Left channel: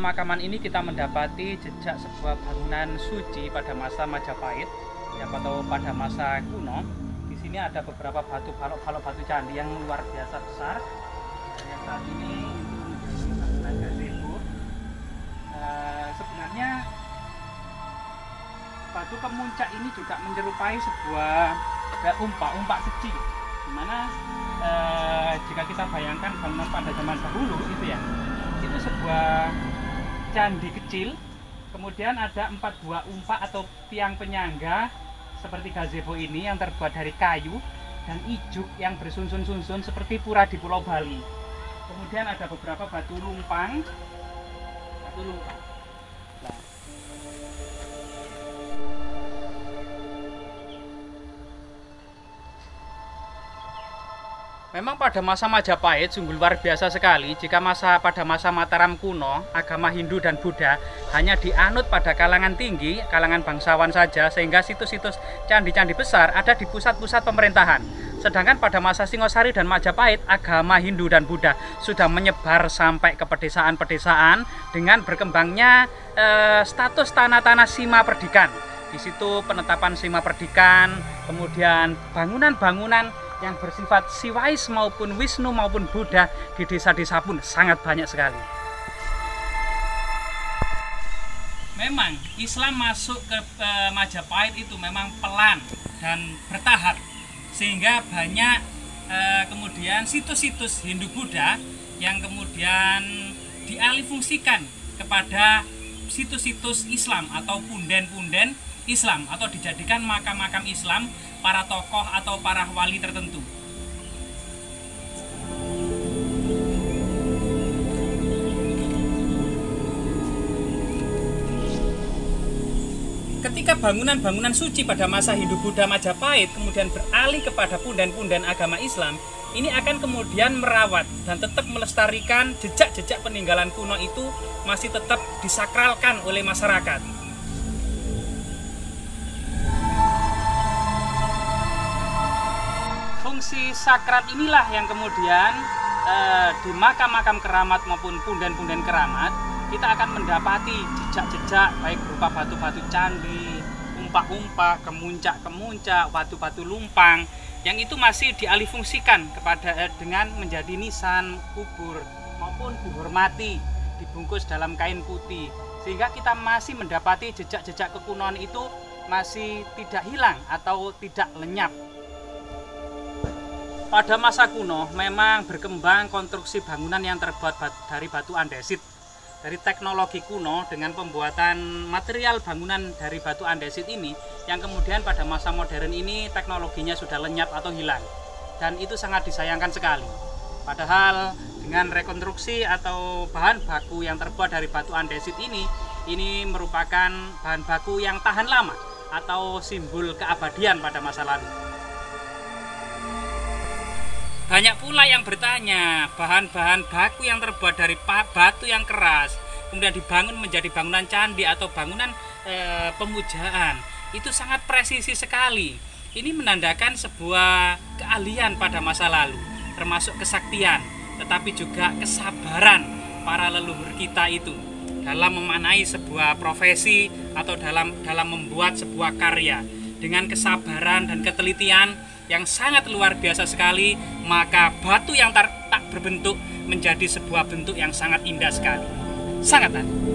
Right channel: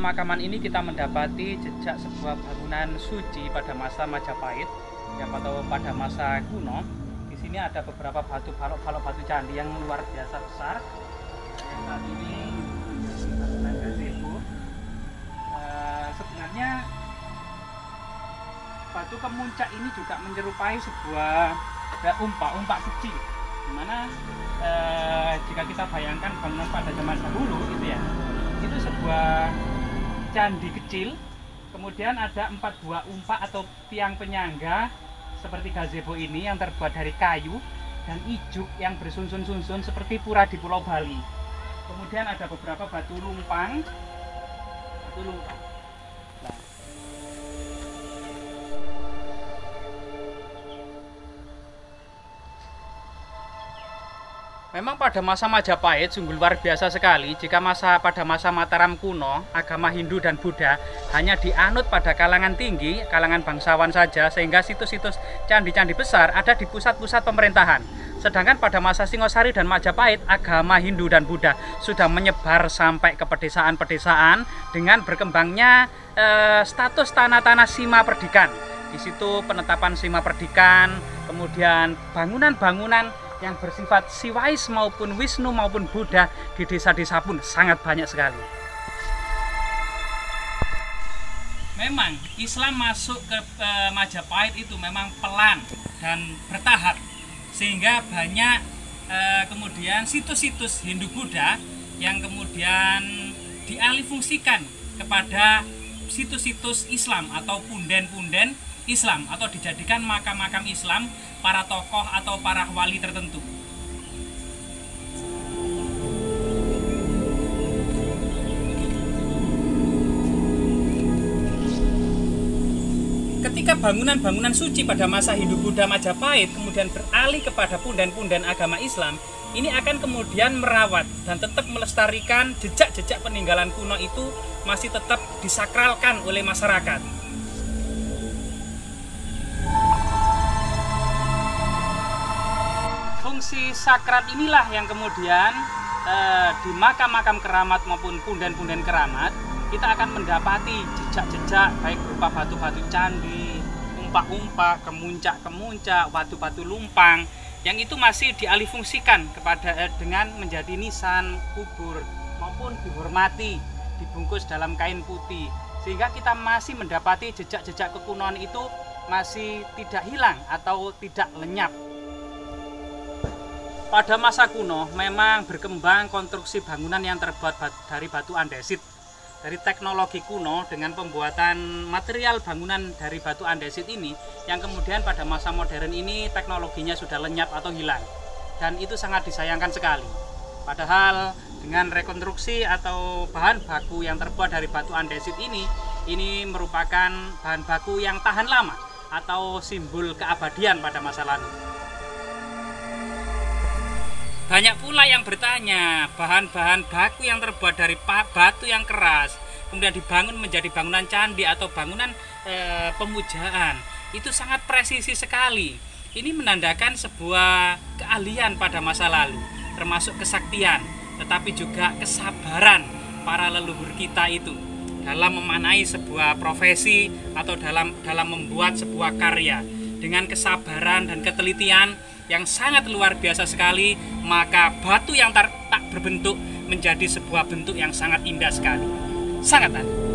pemakaman ini kita mendapati jejak sebuah bangunan suci pada masa Majapahit atau pada masa kuno. Di sini ada beberapa balok-balok batu candi yang luar biasa besar. Yang saat ini itu menjadi bangunan gazebo. Sebenarnya batu kemuncak ini juga menyerupai sebuah umpak kecil, dimana jika kita bayangkan bangunan pada zaman dahulu itu sebuah candi kecil, kemudian ada 4 buah umpak atau tiang penyangga seperti gazebo ini yang terbuat dari kayu dan ijuk yang bersusun-susun seperti pura di Pulau Bali. Kemudian ada beberapa batu lumpang. Nah, memang pada masa Majapahit sungguh luar biasa sekali. Jika pada masa Mataram kuno, agama Hindu dan Buddha hanya dianut pada kalangan tinggi, kalangan bangsawan saja, sehingga situs-situs candi-candi besar ada di pusat-pusat pemerintahan. Sedangkan pada masa Singosari dan Majapahit, agama Hindu dan Buddha sudah menyebar sampai ke pedesaan-pedesaan dengan berkembangnya status tanah-tanah Sima Perdikan. Di situ penetapan Sima Perdikan, kemudian bangunan-bangunan yang bersifat Siwais maupun Wisnu maupun Buddha di desa-desa pun sangat banyak sekali. Memang Islam masuk ke Majapahit itu memang pelan dan bertahap, sehingga banyak kemudian situs-situs Hindu Buddha yang kemudian dialihfungsikan kepada situs-situs Islam atau punden-punden Islam, atau dijadikan makam-makam Islam para tokoh atau para wali tertentu. Ketika bangunan-bangunan suci pada masa Hindu-Buddha Majapahit kemudian beralih kepada punden-punden agama Islam, ini akan kemudian merawat dan tetap melestarikan jejak-jejak peninggalan kuno itu masih tetap disakralkan oleh masyarakat. Fungsi sakral inilah yang kemudian di makam-makam keramat maupun punden-punden keramat kita akan mendapati jejak-jejak baik berupa batu-batu candi, umpak-umpak, kemuncak-kemuncak, batu-batu lumpang yang itu masih dialihfungsikan dengan menjadi nisan kubur maupun dihormati, dibungkus dalam kain putih, sehingga kita masih mendapati jejak-jejak kekunoan itu masih tidak hilang atau tidak lenyap. Pada masa kuno memang berkembang konstruksi bangunan yang terbuat dari batu andesit. Dari teknologi kuno dengan pembuatan material bangunan dari batu andesit ini yang kemudian pada masa modern ini teknologinya sudah lenyap atau hilang. Dan itu sangat disayangkan sekali. Padahal dengan rekonstruksi atau bahan baku yang terbuat dari batu andesit ini merupakan bahan baku yang tahan lama atau simbol keabadian pada masa lalu. Banyak pula yang bertanya, bahan-bahan baku yang terbuat dari batu yang keras, kemudian dibangun menjadi bangunan candi atau bangunan pemujaan, itu sangat presisi sekali. Ini menandakan sebuah keahlian pada masa lalu, termasuk kesaktian, tetapi juga kesabaran para leluhur kita itu dalam memanai sebuah profesi atau dalam membuat sebuah karya. Dengan kesabaran dan ketelitian yang sangat luar biasa sekali, maka batu yang tak berbentuk menjadi sebuah bentuk yang sangat indah sekali. Sangat aneh.